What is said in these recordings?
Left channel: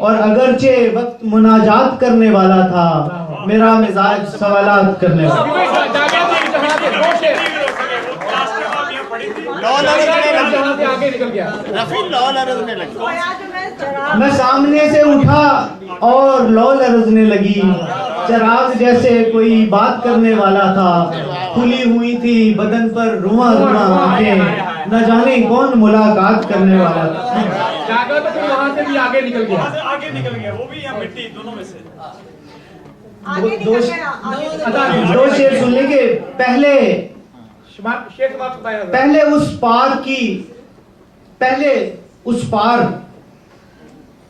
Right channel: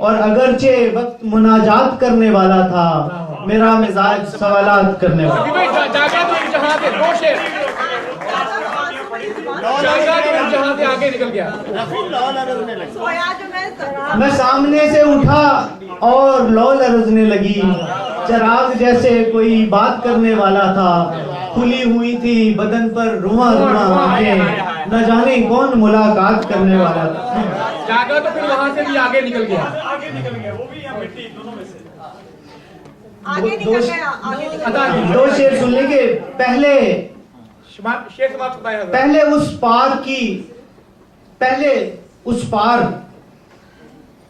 और अगरचे वक्त मुनाजात करने वाला था, मेरा मिजाज सवालात करने वाला। आगे निकल गया। मैं सामने से उठा और लौ लरजने लगी, चराग जैसे कोई बात करने वाला था, खुली हुई थी बदन पर रुआ रुआ आंखें, न जाने कौन मुलाकात करने वाला था। जागा तो फिर वहां से भी आगे निकल गया। वो भी या मिट्टी दोनों में से आगे निकल गया। दो शेर सुनने के पहले पहले उस पार की, पहले उस पार,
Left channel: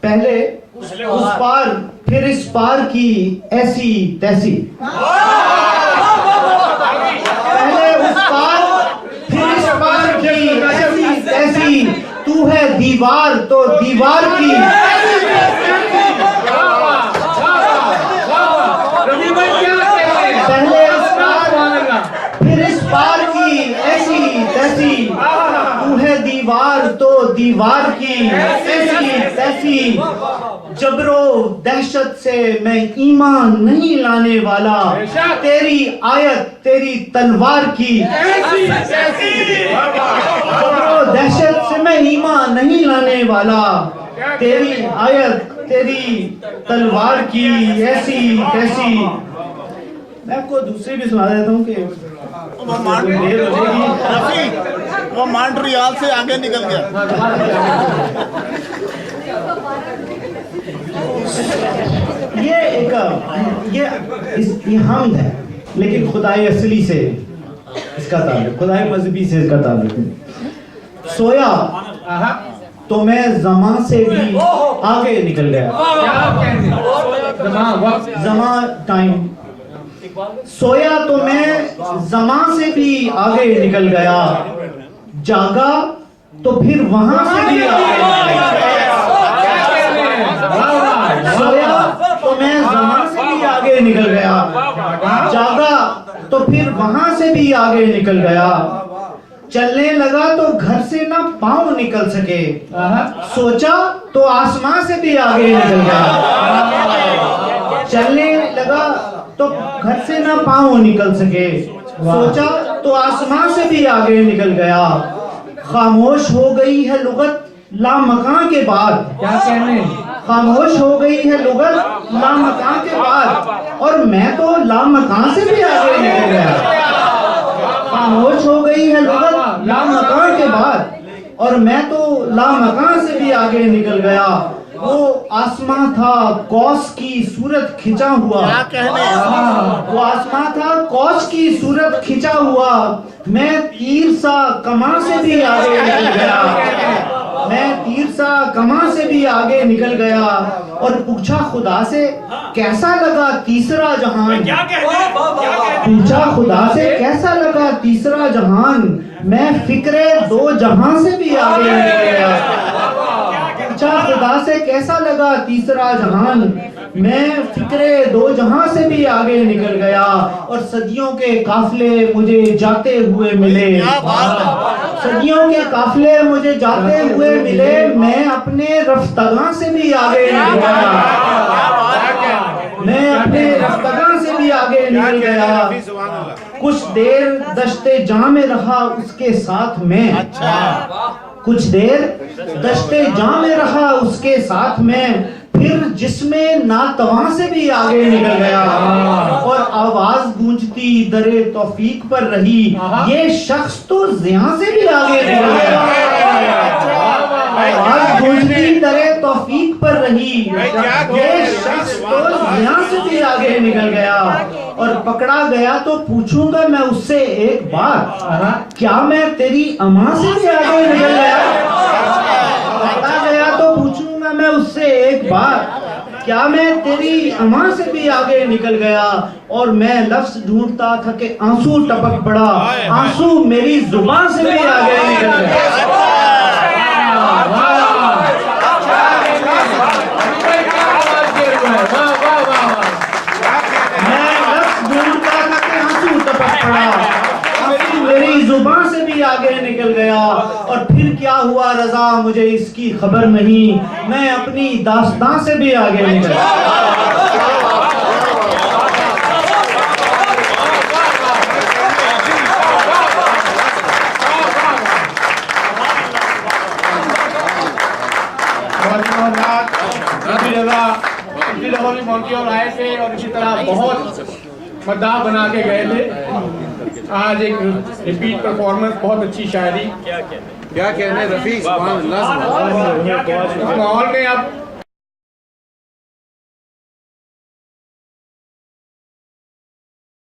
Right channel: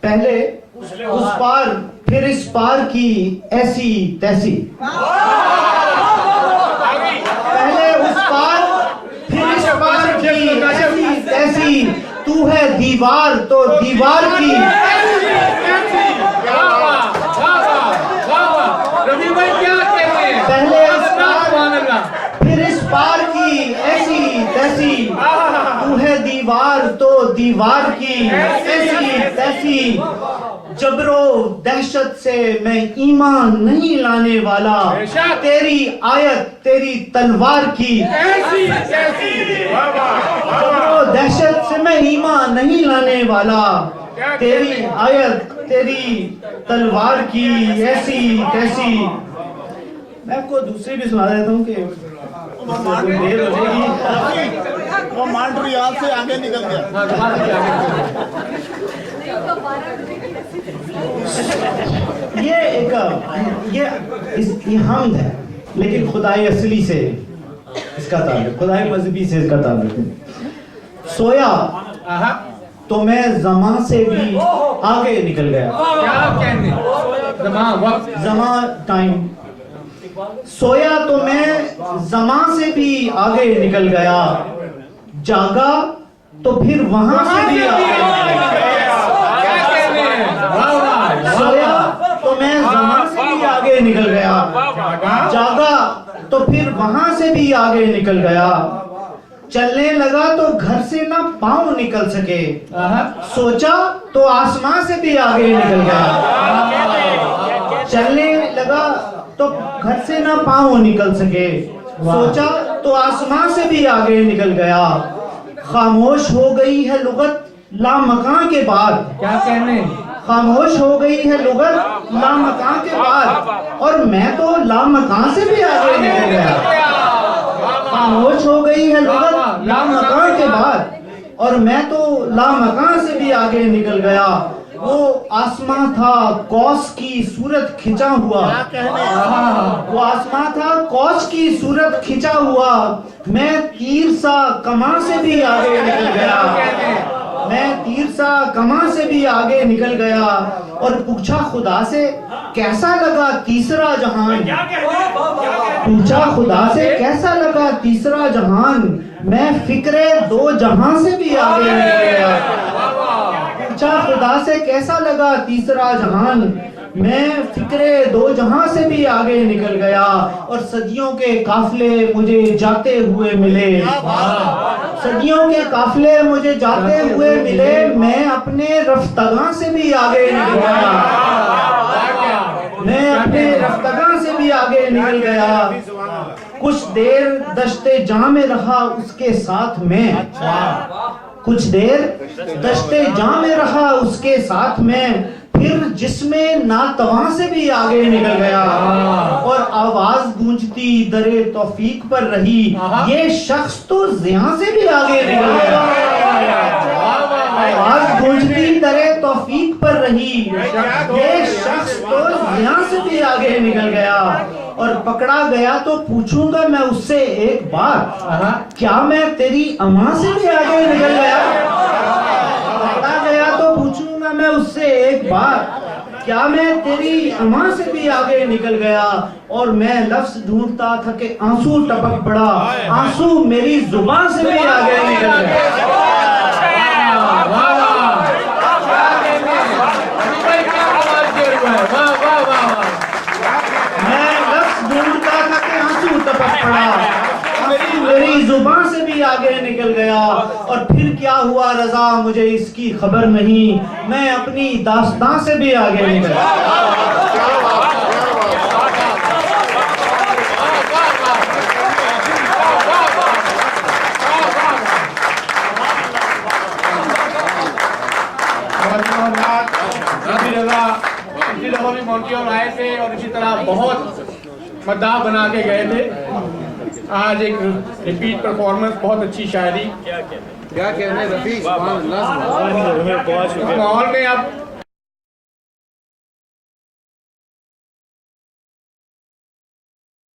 पहले उस पार, फिर इस पार की ऐसी तैसी। पहले उस पार, फिर इस पार की ऐसी तैसी, तू है दीवार तो दीवार की। पहले उस पार, फिर इस पार की ऐसी तैसी, तू है दीवार तो दीवार की ऐसी तैसी। जबरो दहशत से मैं ईमान नहीं लाने वाला, तेरी आयत तेरी तलवार की। जबरो दहशत से मैं ईमान नहीं लाने वाला, तेरी आयत तेरी तलवार की ऐसी तैसी। मैं आपको दूसरी भी सुना देता हूँ कि देर हो जाएगी। वो मॉन्ट्रियल से आगे निकल गया। ये ये हमद है, लेकिन खुदाई असली से इसका ताल्लुक, खुदाई मजहबी से इसका ताल्लुक। सोया तो मैं जमा से भी आगे निकल गया। जमा टाइम। सोया तो मैं जमा से भी आगे निकल गया, जागा तो फिर वहां से भी आगे निकल गया। सोया तो मैं जमा से भी आगे निकल गया, जागा तो फिर वहां से भी आगे निकल गया। चलने लगा तो घर से ना पांव निकल सके, सोचा तो आसमां से भी आगे निकल गया। चलने लगा तो घर से ना पांव निकल सके, सोचा तो आसमां से भी आगे निकल गया। खामोश हो गई है लुगत लामकां के बाद। क्या कहने? खामोश हो गई है लुगत लामकां के बाद, और मैं तो लामकां से भी आगे निकल गया। खामोश हो गई है लुगत लामकां के बाद, और मैं तो लामकां से भी आगे निकल गया। वो आसमां था कौस की सूरत खिंचा हुआ, वो आसमां था कौस की सूरत खिंचा हुआ। मैं तीर सा कमां से भी आगे निकल गया, मैं तीर सा कमां से भी आगे निकल गया। और पूछा खुदा से कैसा लगा तीसरा जहान, पूछा खुदा से कैसा लगा तीसरा जहान। मैं फिक्रे दो जहां से भी आगे निकल गया। पूछा खुदा से कैसा लगा तीसरा जहान, मैं फिक्रे दो जहां से भी आगे निकल गया। और सदियों के काफले मुझे जाते हुए मिले, सदियों के काफले मुझे जाते हुए मिले। मैं अपने रफ्तगा से भी आगे निकल गया, मैं अपने रफ्तगा से भी आगे निकल गया। कुछ देर दश्ते जां में रहा उसके साथ में, कुछ देर दश्ते जां में रहा उसके साथ में। फिर जिसमें नातवा से भी आगे निकल गया, और आवाज गूंजती दरे तौफीक पर रही। ये शख्स तो ज़िया से भी आगे निकल गया, आवाज गूंजती दरे तौफीक पर रही। ये शख्स तो ज़िया से भी आगे निकल गया। और पकड़ा गया तो पूछूंगा मैं उससे एक बार, क्या मैं तेरी अमां से भी आगे निकल गया। पकड़ा गया तो पूछूंगा मैं उससे एक बार, क्या मैं तेरी अमां से भी आगे निकल गया। और मैं लफ्ज ढूंढता था कि आंसू टपक पड़ा, आंसू मेरी जुबान से भी आगे निकल गया। मैं लफ्ज ढूंढता था कि आंसू टपक पड़ा, आंसू मेरी मेरी जुबान से भी आगे निकल गया। और फिर क्या हुआ रजा मुझे इसकी खबर नहीं, मैं अपनी दास्तां से भी आगे निकल गया। इसी दफा भी मोंटी और आए थे और इसी तरह बहुत मद्दाह बना के गए थे। आज एक रिपीट परफॉर्मेंस, बहुत अच्छी शायरी। क्या कहने रफी, इस माहौल में अब